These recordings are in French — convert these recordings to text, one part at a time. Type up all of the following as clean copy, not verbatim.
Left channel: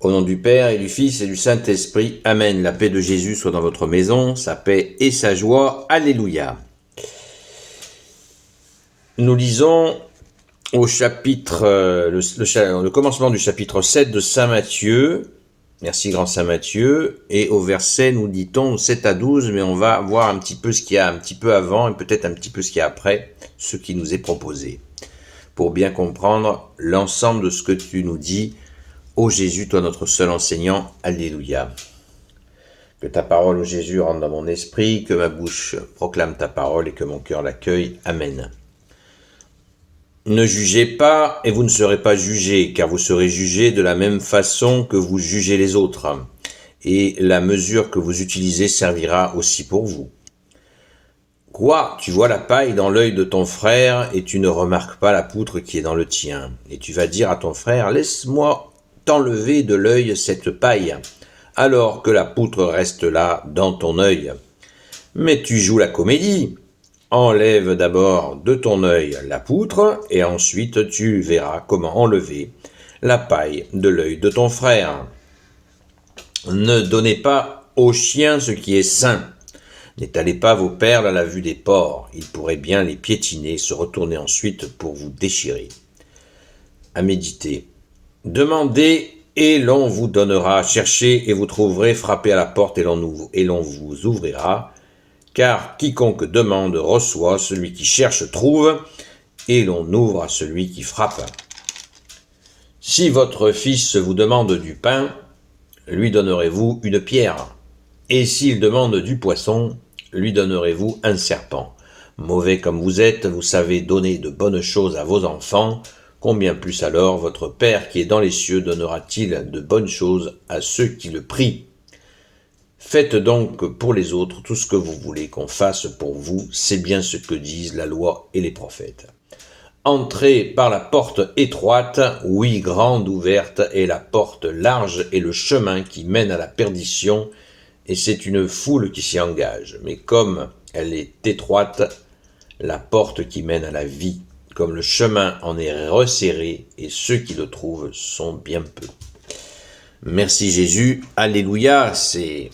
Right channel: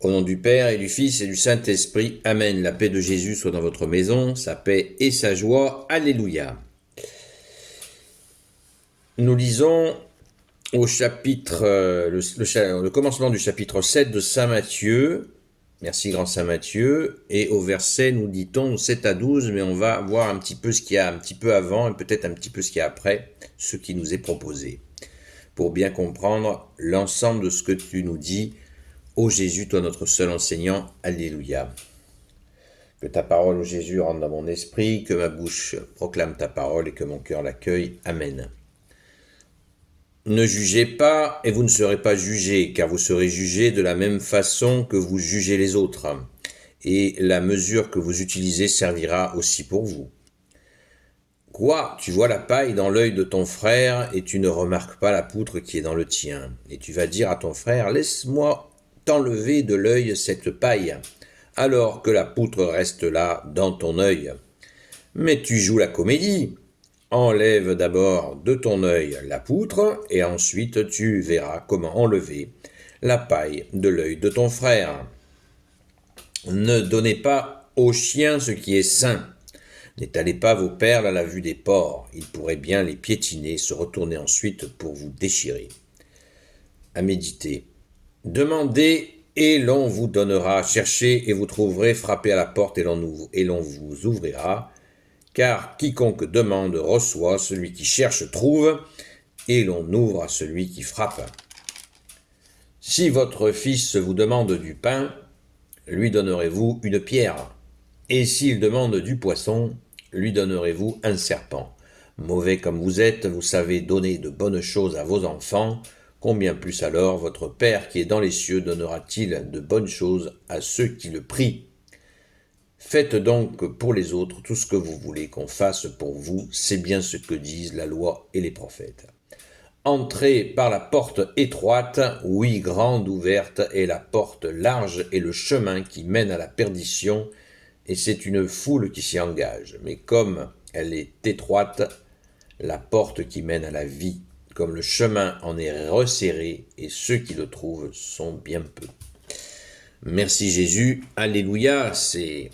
Au nom du Père et du Fils et du Saint-Esprit, Amen. La paix de Jésus soit dans votre maison, sa paix et sa joie. Alléluia. Nous lisons au chapitre, le commencement du chapitre 7 de Saint Matthieu. Merci grand Saint Matthieu. Et au verset, nous dit-on 7 à 12, mais on va voir un petit peu ce qu'il y a un petit peu avant et peut-être un petit peu ce qu'il y a après, ce qui nous est proposé, pour bien comprendre l'ensemble de ce que tu nous dis. Ô Jésus, toi notre seul enseignant, Alléluia. Que ta parole, ô Jésus, rentre dans mon esprit, que ma bouche proclame ta parole et que mon cœur l'accueille. Amen. Ne jugez pas et vous ne serez pas jugés, car vous serez jugés de la même façon que vous jugez les autres. Et la mesure que vous utilisez servira aussi pour vous. Quoi, tu vois la paille dans l'œil de ton frère et tu ne remarques pas la poutre qui est dans le tien. Et tu vas dire à ton frère, laisse-moi t'enlever de l'œil cette paille, alors que la poutre reste là dans ton œil. Mais tu joues la comédie. Enlève d'abord de ton œil la poutre, et ensuite tu verras comment enlever la paille de l'œil de ton frère. Ne donnez pas aux chiens ce qui est sain. N'étalez pas vos perles à la vue des porcs. Ils pourraient bien les piétiner, se retourner ensuite pour vous déchirer. À méditer. Demandez et l'on vous donnera, cherchez et vous trouverez, frappez à la porte et l'on vous ouvrira. Car quiconque demande reçoit, celui qui cherche trouve, et l'on ouvre à celui qui frappe. Si votre fils vous demande du pain, lui donnerez-vous une pierre, et s'il demande du poisson, lui donnerez-vous un serpent. Mauvais comme vous êtes, vous savez donner de bonnes choses à vos enfants, combien plus alors votre Père qui est dans les cieux donnera-t-il de bonnes choses à ceux qui le prient. Faites donc pour les autres tout ce que vous voulez qu'on fasse pour vous, c'est bien ce que disent la loi et les prophètes. Entrez par la porte étroite, oui, grande ouverte, est la porte large et le chemin qui mène à la perdition, et c'est une foule qui s'y engage. Mais comme elle est étroite, la porte qui mène à la vie, comme le chemin en est resserré, et ceux qui le trouvent sont bien peu. Merci Jésus, Alléluia, c'est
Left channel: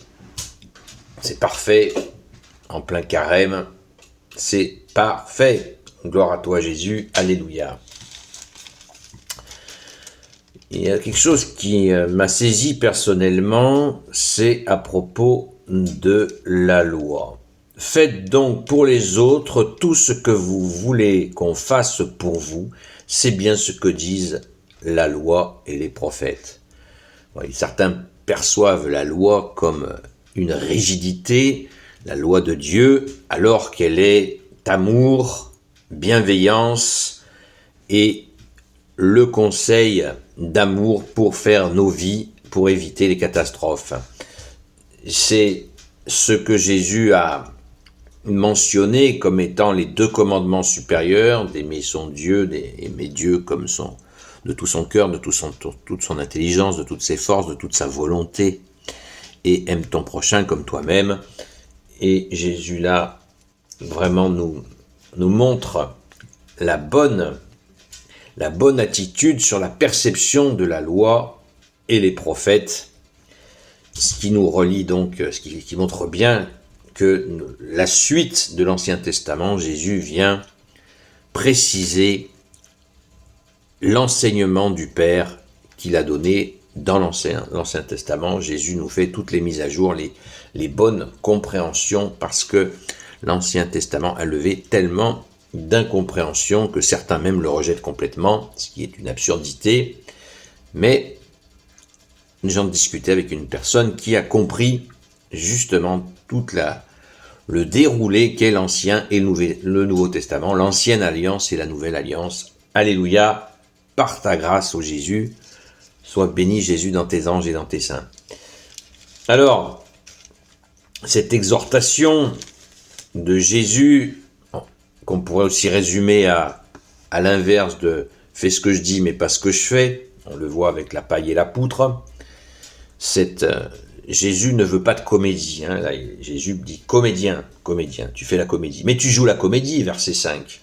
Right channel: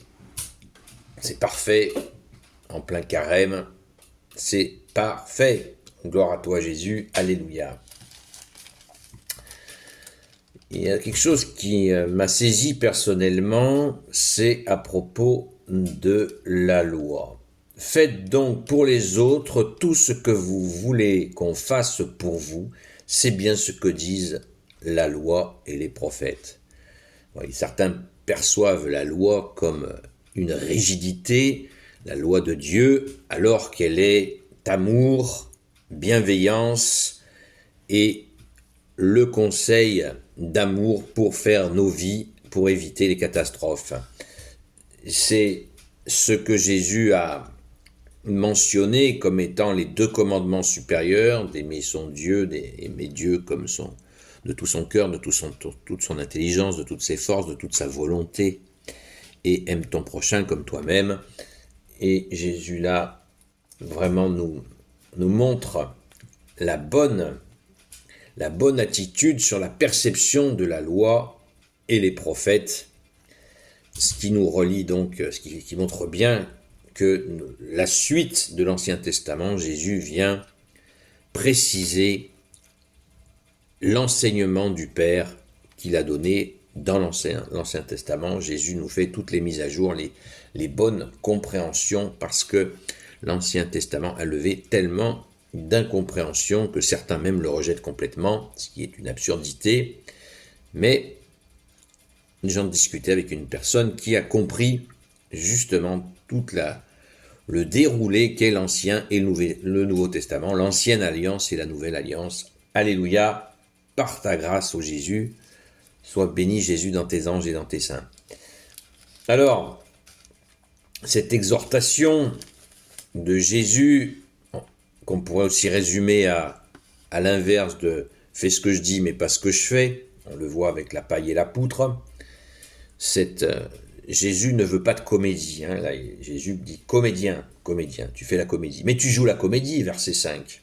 parfait, en plein carême, c'est parfait. Gloire à toi Jésus, Alléluia. Il y a quelque chose qui m'a saisi personnellement, c'est à propos de la loi. Faites donc pour les autres tout ce que vous voulez qu'on fasse pour vous, c'est bien ce que disent la loi et les prophètes. Oui, certains perçoivent la loi comme une rigidité, la loi de Dieu, alors qu'elle est amour, bienveillance et le conseil d'amour pour faire nos vies, pour éviter les catastrophes. C'est ce que Jésus a mentionné comme étant les 2 commandements supérieurs, d'aimer son Dieu, d'aimer Dieu comme de tout son cœur, de toute son intelligence, de toutes ses forces, de toute sa volonté, et aime ton prochain comme toi-même. Et Jésus là vraiment nous montre la bonne attitude sur la perception de la loi et les prophètes, ce qui nous relie donc, ce qui montre bien que la suite de l'Ancien Testament, Jésus vient préciser l'enseignement du Père qu'il a donné dans l'Ancien Testament. Jésus nous fait toutes les mises à jour, les bonnes compréhensions, parce que l'Ancien Testament a levé tellement d'incompréhension que certains même le rejettent complètement, ce qui est une absurdité. Mais j'en discutais avec une personne qui a compris justement le déroulé qu'est l'Ancien et le Nouveau Testament, l'Ancienne Alliance et la Nouvelle Alliance. Alléluia, par ta grâce, ô Jésus, sois béni Jésus dans tes anges et dans tes saints. Alors, cette exhortation de Jésus, qu'on pourrait aussi résumer à l'inverse de « fais ce que je dis mais pas ce que je fais », on le voit avec la paille et la poutre. Jésus ne veut pas de comédie. Là, Jésus dit « comédien, tu fais la comédie ». Mais tu joues la comédie, verset 5.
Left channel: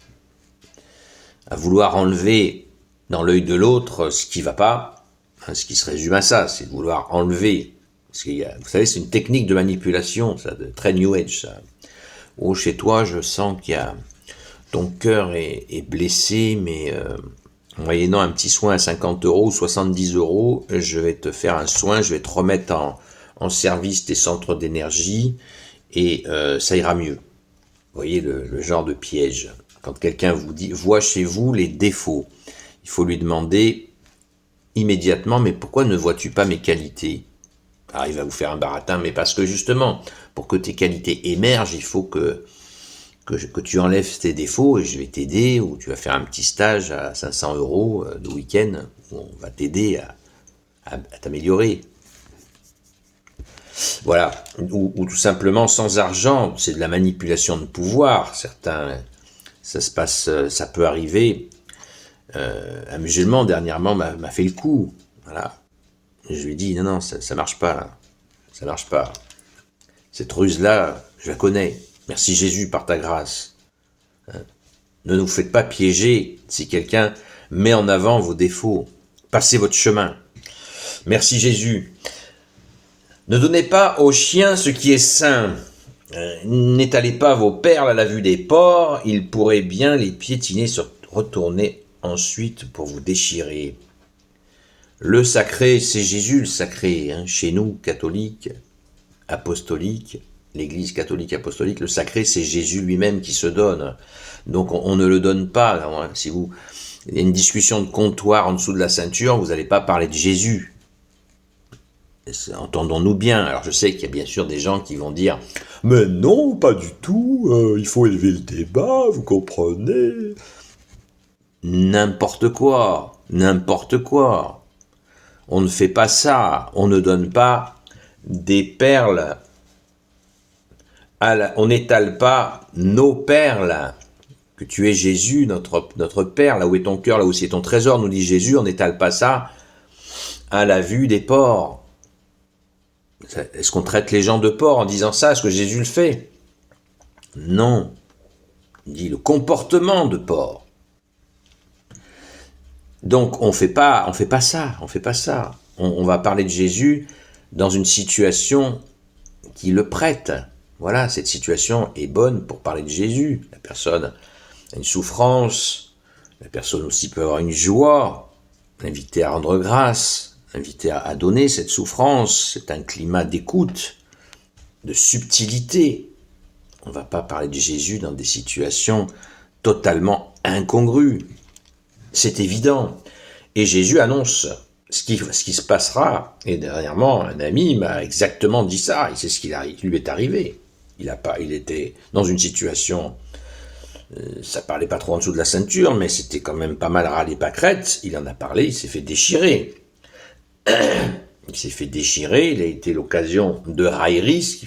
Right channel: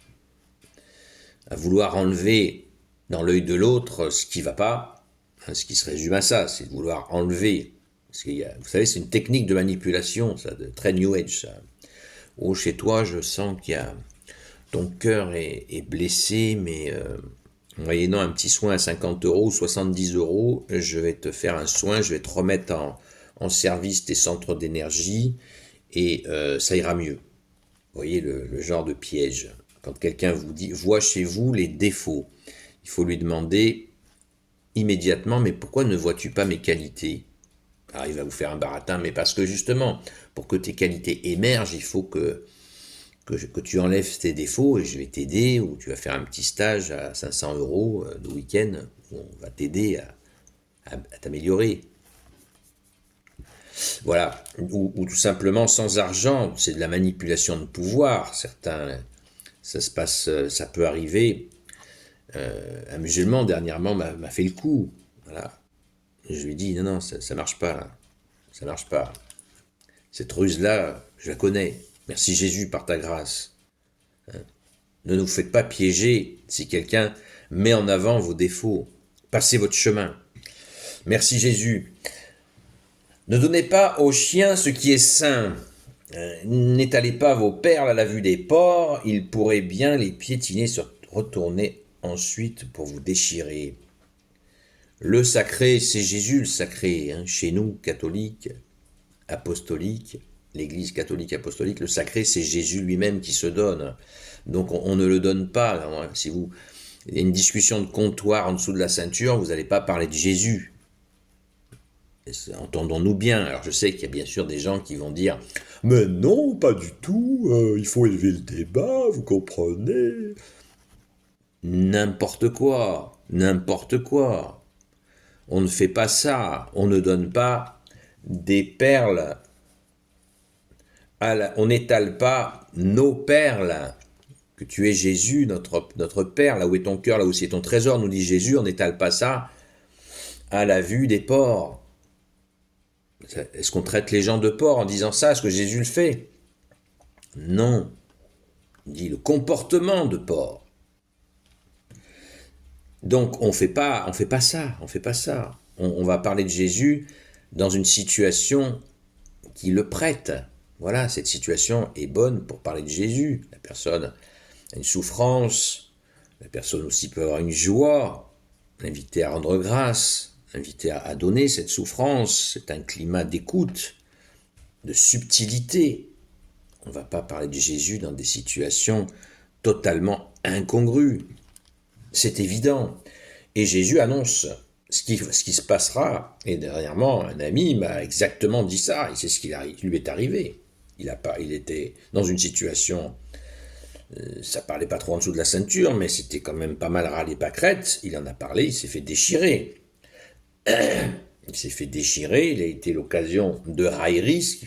À vouloir enlever dans l'œil de l'autre ce qui ne va pas, Hein, ce qui se résume à ça, c'est de vouloir enlever. Parce qu'il y a, vous savez, c'est une technique de manipulation, ça, de très New Age, ça. Oh, chez toi, je sens qu'il y a ton cœur est blessé, mais moyennant un petit soin à 50 euros ou 70 euros, je vais te faire un soin, je vais te remettre en service tes centres d'énergie et ça ira mieux. Vous voyez le genre de piège. Quand quelqu'un vous dit, voit chez vous les défauts, il faut lui demander immédiatement, mais pourquoi ne vois-tu pas mes qualités? Alors il va vous faire un baratin, mais parce que justement, pour que tes qualités émergent, il faut que tu enlèves tes défauts et je vais t'aider, ou tu vas faire un petit stage à 500 euros de week-end où on va t'aider à t'améliorer. Voilà, ou tout simplement sans argent, c'est de la manipulation de pouvoir. Certains, ça se passe, ça peut arriver. Un musulman dernièrement m'a fait le coup. Voilà, et je lui ai dit non, ça marche pas là, ça marche pas. Cette ruse-là, je la connais. Merci Jésus par ta grâce. Ne nous faites pas piéger si quelqu'un met en avant vos défauts. Passez votre chemin. Merci Jésus. Ne donnez pas aux chiens ce qui est sain. N'étalez pas vos perles à la vue des porcs. Ils pourraient bien les piétiner, se retourner ensuite pour vous déchirer. Le sacré, c'est Jésus le sacré. Hein, chez nous, catholiques, apostoliques, l'Église catholique apostolique, le sacré, c'est Jésus lui-même qui se donne. Donc on ne le donne pas. Là, hein. Si il y a une discussion de comptoir en dessous de la ceinture, vous n'allez pas parler de Jésus. Entendons-nous bien. Alors je sais qu'il y a bien sûr des gens qui vont dire « Mais non, pas du tout, il faut élever le débat, vous comprenez ?» N'importe quoi, n'importe quoi. On ne fait pas ça, on ne donne pas des perles, on n'étale pas nos perles. Que tu es Jésus, notre Père, là où est ton cœur, là où c'est ton trésor, nous dit Jésus, on n'étale pas ça à la vue des porcs. Est-ce qu'on traite les gens de porcs en disant ça? Est-ce que Jésus le fait? Non. Il dit le comportement de porc. Donc on fait pas ça. On va parler de Jésus dans une situation qui le prête. Voilà, cette situation est bonne pour parler de Jésus. La personne a une souffrance, la personne aussi peut avoir une joie, l'inviter à rendre grâce, l'inviter à donner cette souffrance. C'est un climat d'écoute, de subtilité. On ne va pas parler de Jésus dans des situations totalement incongrues. C'est évident. Et Jésus annonce ce qui se passera. Et dernièrement, un ami m'a exactement dit ça. Et c'est ce qui lui est arrivé. Il était dans une situation, ça parlait pas trop en dessous de la ceinture, mais c'était quand même pas mal râlé pâquerette. Il en a parlé, il s'est fait déchirer. Il s'est fait déchirer, il a été l'occasion de railleries,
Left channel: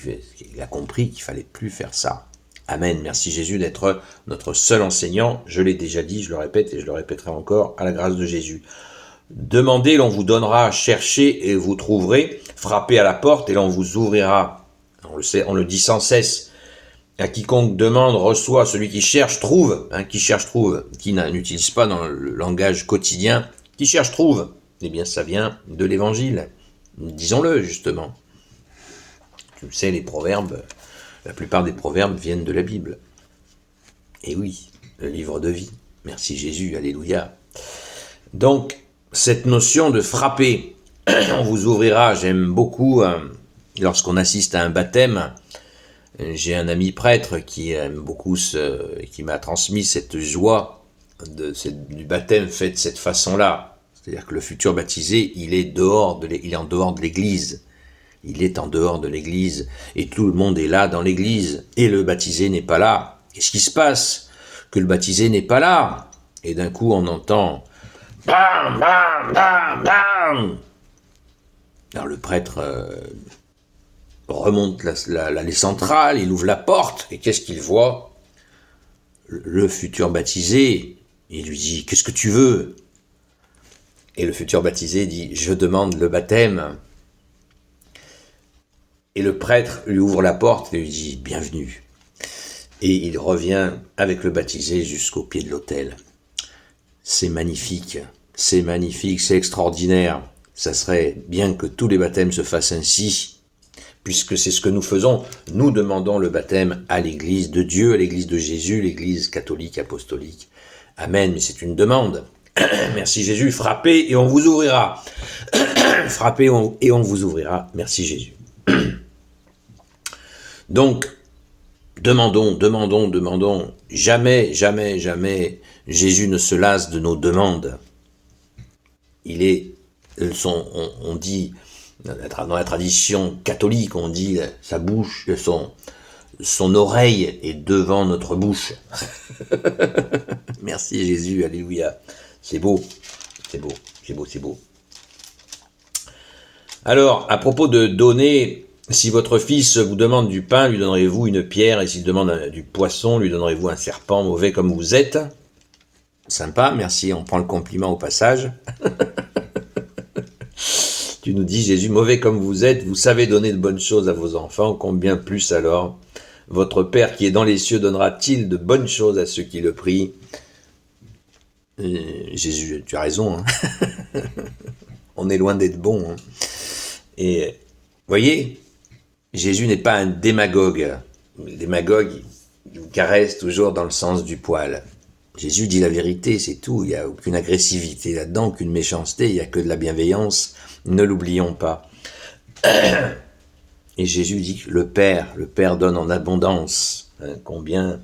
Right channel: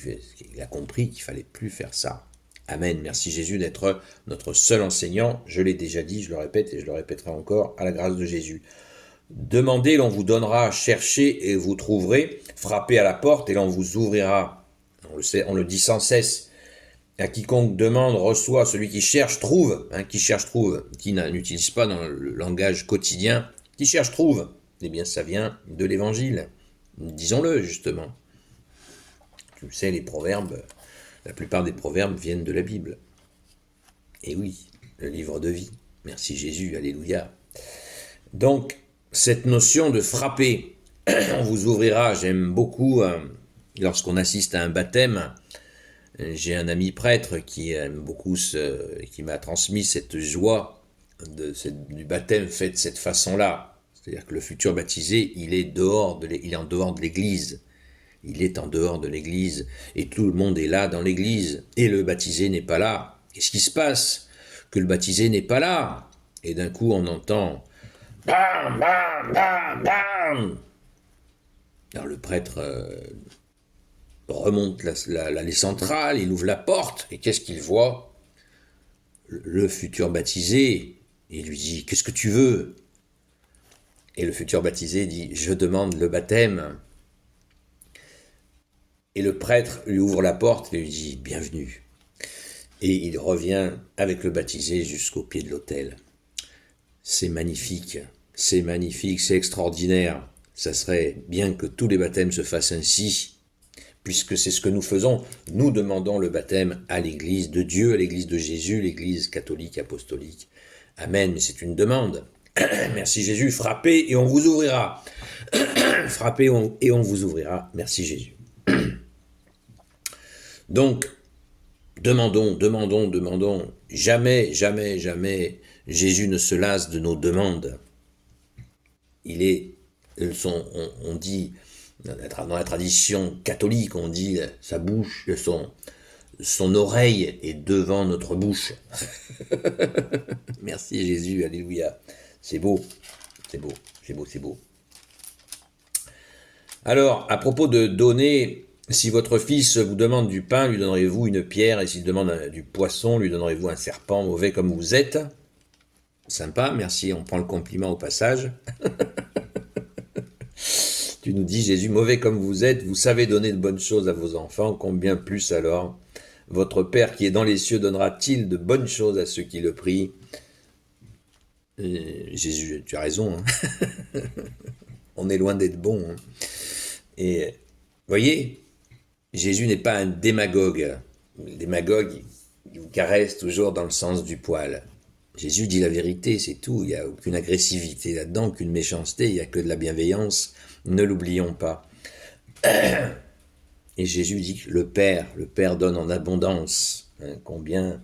il a compris qu'il fallait plus faire ça. Amen. Merci Jésus d'être notre seul enseignant. Je l'ai déjà dit, je le répète et je le répéterai encore, à la grâce de Jésus. Demandez, l'on vous donnera, cherchez et vous trouverez, frappez à la porte et l'on vous ouvrira. On le sait, on le dit sans cesse. À quiconque demande, reçoit, celui qui cherche, trouve. Hein, qui cherche, trouve. Qui n'utilise pas dans le langage quotidien. Qui cherche, trouve. Eh bien, ça vient de l'évangile. Disons-le, justement. Tu le sais, les proverbes, la plupart des proverbes viennent de la Bible. Et oui, le livre de vie. Merci Jésus, alléluia. Donc, cette notion de frapper, on vous ouvrira, j'aime beaucoup, lorsqu'on assiste à un baptême, j'ai un ami prêtre qui aime beaucoup qui m'a transmis cette joie du baptême fait de cette façon-là. C'est-à-dire que le futur baptisé, il est en dehors de l'église. Il est en dehors de l'église et tout le monde est là dans l'église et le baptisé n'est pas là. Qu'est-ce qui se passe? Que le baptisé n'est pas là. Et d'un coup, on entend bam, bam, bam, bam. Alors le prêtre remonte l'allée centrale, il ouvre la porte et qu'est-ce qu'il voit? Le futur baptisé. Il lui dit, qu'est-ce que tu veux? Et le futur baptisé dit, je demande le baptême. Et le prêtre lui ouvre la porte et lui dit, bienvenue. Et il revient avec le baptisé jusqu'au pied de l'autel. C'est magnifique, c'est extraordinaire. ça serait bien que tous les baptêmes se fassent ainsi, puisque c'est ce que nous faisons. Nous demandons le baptême à l'Église de Dieu, à l'Église de Jésus, l'Église catholique, apostolique. Amen, mais c'est une demande. Merci Jésus, frappez et on vous ouvrira. Frappez et on vous ouvrira. Merci Jésus. Donc, demandons. Jamais Jésus ne se lasse de nos demandes. On dit, dans la tradition catholique, on dit sa bouche, son oreille est devant notre bouche. Merci Jésus, alléluia. C'est beau. Alors, à propos de donner, si votre fils vous demande du pain, lui donnerez-vous une pierre, et s'il demande du poisson, lui donnerez-vous un serpent, mauvais comme vous êtes? Sympa, merci, on prend le compliment au passage. Tu nous dis, Jésus, mauvais comme vous êtes, vous savez donner de bonnes choses à vos enfants, combien plus alors votre Père qui est dans les cieux donnera-t-il de bonnes choses à ceux qui le prient? Jésus, tu as raison, hein. On est loin d'être bon. Hein. Et voyez, Jésus n'est pas un démagogue. Le démagogue, il vous caresse toujours dans le sens du poil. Jésus dit la vérité, c'est tout. Il n'y a aucune agressivité là-dedans, aucune méchanceté, il n'y a que de la bienveillance. Ne l'oublions pas. Et Jésus dit que le Père donne en abondance. Hein, combien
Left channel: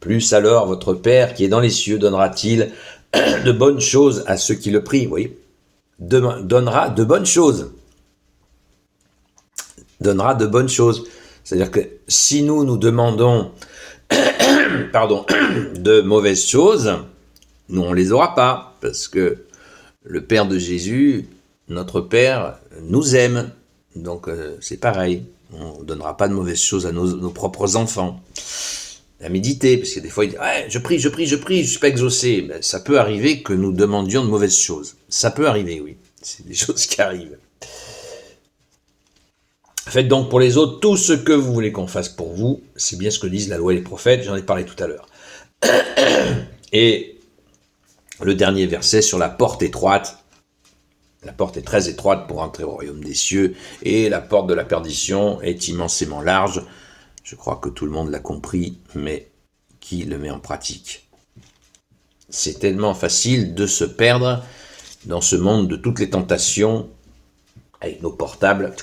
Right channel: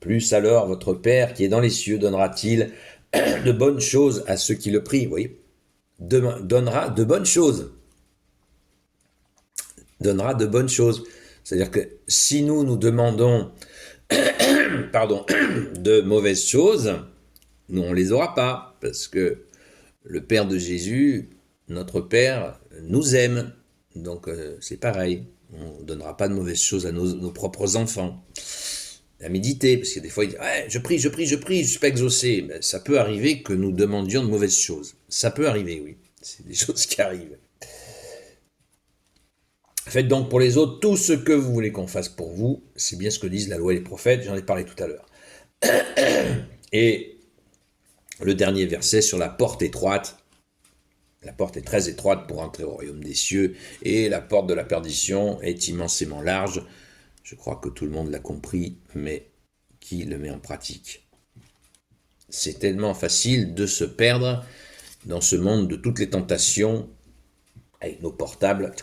plus alors votre Père qui est dans les cieux donnera-t-il de bonnes choses à ceux qui le prient? Vous voyez, donnera de bonnes choses. Donnera de bonnes choses. C'est-à-dire que si nous demandons de mauvaises choses, nous on les aura pas, parce que le Père de Jésus, notre Père, nous aime. Donc c'est pareil, on ne donnera pas de mauvaises choses à nos propres enfants. À méditer, parce que des fois, il dit ouais, je prie, je ne suis pas exaucé. Ben, ça peut arriver que nous demandions de mauvaises choses. Ça peut arriver, oui. C'est des choses qui arrivent. Faites donc pour les autres tout ce que vous voulez qu'on fasse pour vous. C'est bien ce que disent la loi et les prophètes, j'en ai parlé tout à l'heure. Et le dernier verset sur la porte étroite. La porte est très étroite pour entrer au royaume des cieux, et la porte de la perdition est immensément large. Je crois que tout le monde l'a compris, mais qui le met en pratique? C'est tellement facile de se perdre dans ce monde de toutes les tentations, avec nos portables,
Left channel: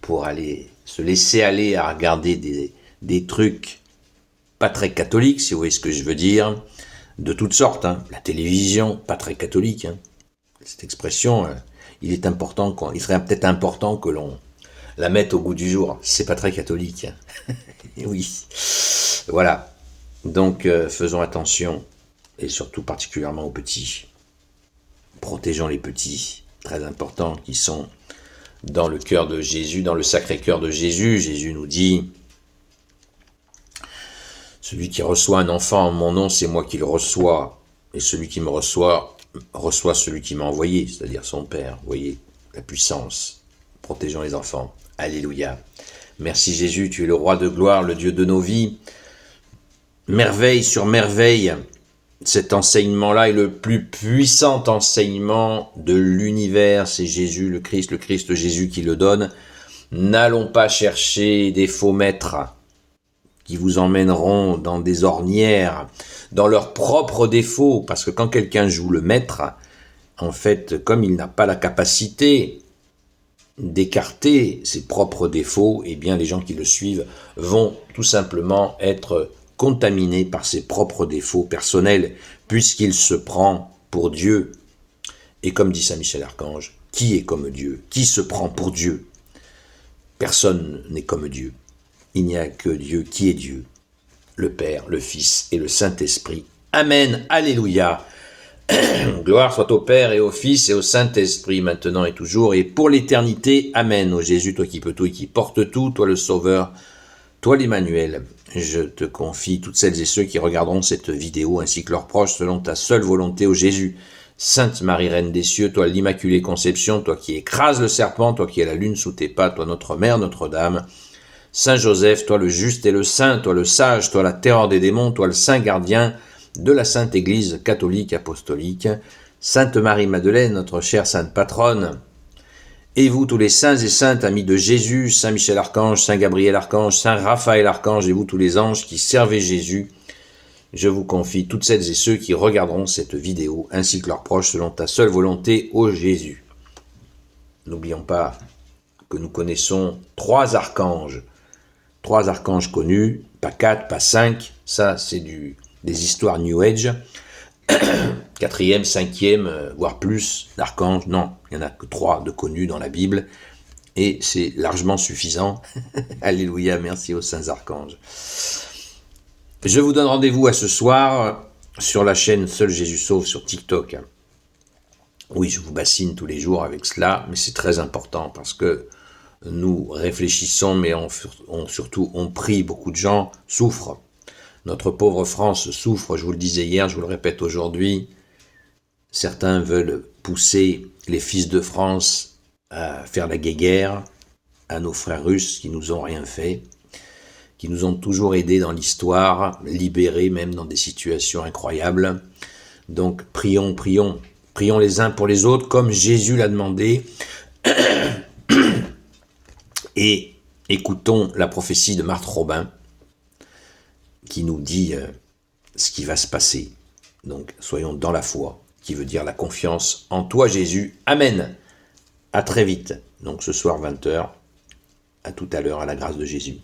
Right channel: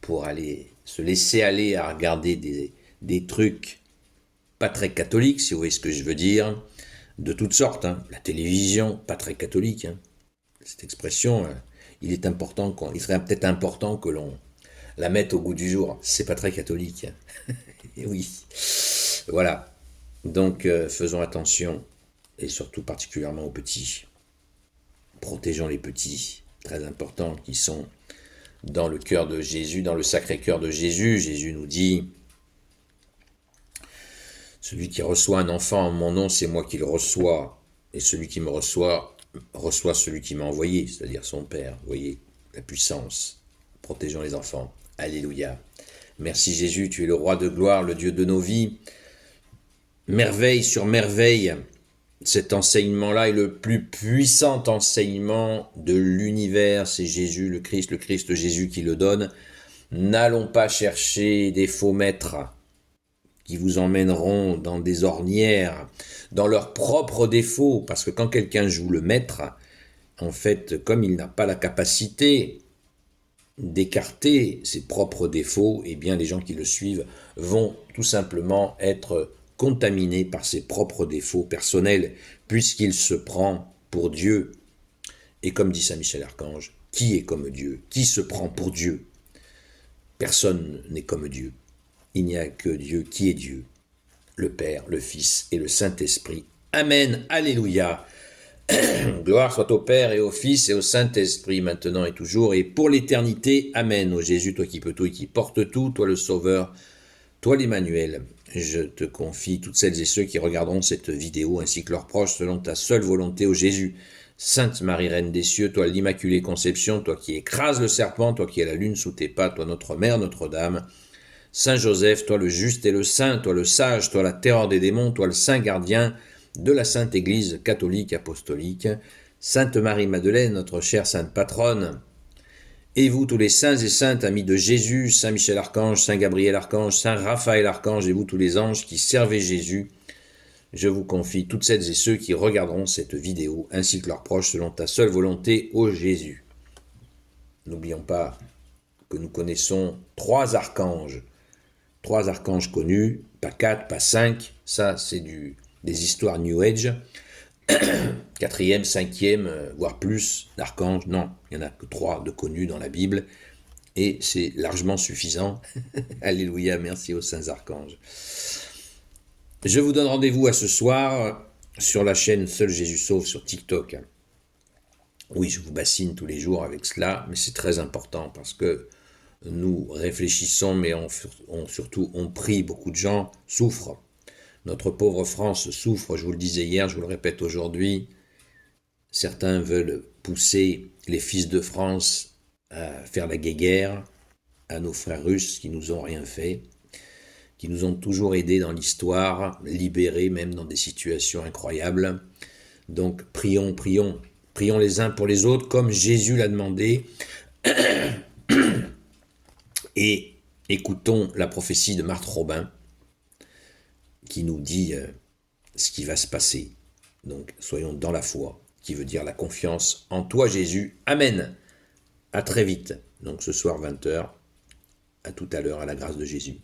pour aller se laisser aller à regarder des trucs pas très catholiques, si vous voyez ce que je veux dire, de toutes sortes. Hein. La télévision, pas très catholique. Hein. Cette expression, il serait peut-être important que l'on la mette au goût du jour. C'est pas très catholique. Oui. Voilà. Donc, faisons attention, et surtout particulièrement aux petits. Protégeons les petits, très importants, qui sont dans le cœur de Jésus, dans le sacré cœur de Jésus. Jésus nous dit, celui qui reçoit un enfant en mon nom, c'est moi qui le reçois, et celui qui me reçoit celui qui m'a envoyé, c'est-à-dire son Père. Vous voyez, la puissance. Protégeons les enfants. Alléluia. Merci Jésus, tu es le roi de gloire, le Dieu de nos vies. Merveille sur merveille, cet enseignement-là est le plus puissant enseignement de l'univers. C'est Jésus, le Christ Jésus qui le donne. N'allons pas chercher des faux maîtres qui vous emmèneront dans des ornières, dans leurs propres défauts, parce que quand quelqu'un joue le maître, en fait, comme il n'a pas la capacité d'écarter ses propres défauts, eh bien les gens qui le suivent vont tout simplement être contaminés par ses propres défauts personnels, puisqu'il se prend pour Dieu. Et comme dit Saint Michel Archange, qui est comme Dieu? Qui se prend pour Dieu? Personne n'est comme Dieu. Il n'y a que Dieu qui est Dieu, le Père, le Fils et le Saint-Esprit. Amen, alléluia. Gloire soit au Père et au Fils et au Saint-Esprit, maintenant et toujours, et pour l'éternité. Amen. Ô Jésus, toi qui peux tout et qui portes tout, toi le Sauveur, toi l'Emmanuel, je te confie toutes celles et ceux qui regarderont cette vidéo, ainsi que leurs proches, selon ta seule volonté, ô Jésus. Sainte Marie, Reine des cieux, toi l'Immaculée Conception, toi qui écrases le serpent, toi qui es la lune sous tes pas, toi notre Mère, Notre-Dame. Saint Joseph, toi le juste et le saint, toi le sage, toi la terreur des démons, toi le saint gardien de la Sainte Église catholique apostolique, Sainte Marie-Madeleine, notre chère sainte patronne, et vous tous les saints et saintes amis de Jésus, Saint Michel Archange, Saint Gabriel Archange, Saint Raphaël Archange, et vous tous les anges qui servez Jésus, je vous confie toutes celles et ceux qui regarderont cette vidéo, ainsi que leurs proches, selon ta seule volonté, ô Jésus. N'oublions pas que nous connaissons trois archanges connus, pas 4, pas 5, ça c'est des histoires New Age, 4e, 5e, voire plus d'archanges, non, il n'y en a que 3 de connus dans la Bible, et c'est largement suffisant. Alléluia, merci aux saints archanges. Je vous donne rendez-vous à ce soir sur la chaîne Seul Jésus Sauve sur TikTok. Oui, je vous bassine tous les jours avec cela, mais c'est très important parce que nous réfléchissons, mais surtout on prie, beaucoup de gens souffrent. Notre pauvre France souffre, je vous le disais hier, je vous le répète aujourd'hui. Certains veulent pousser les fils de France à faire la guéguerre à nos frères russes qui nous ont rien fait, qui nous ont toujours aidés dans l'histoire, libérés même dans des situations incroyables. Donc prions les uns pour les autres comme Jésus l'a demandé. Et écoutons la prophétie de Marthe Robin qui nous dit ce qui va se passer. Donc soyons dans la foi, qui veut dire la confiance en toi Jésus. Amen. À très vite. Donc ce soir 20h. À tout à l'heure, à la grâce de Jésus.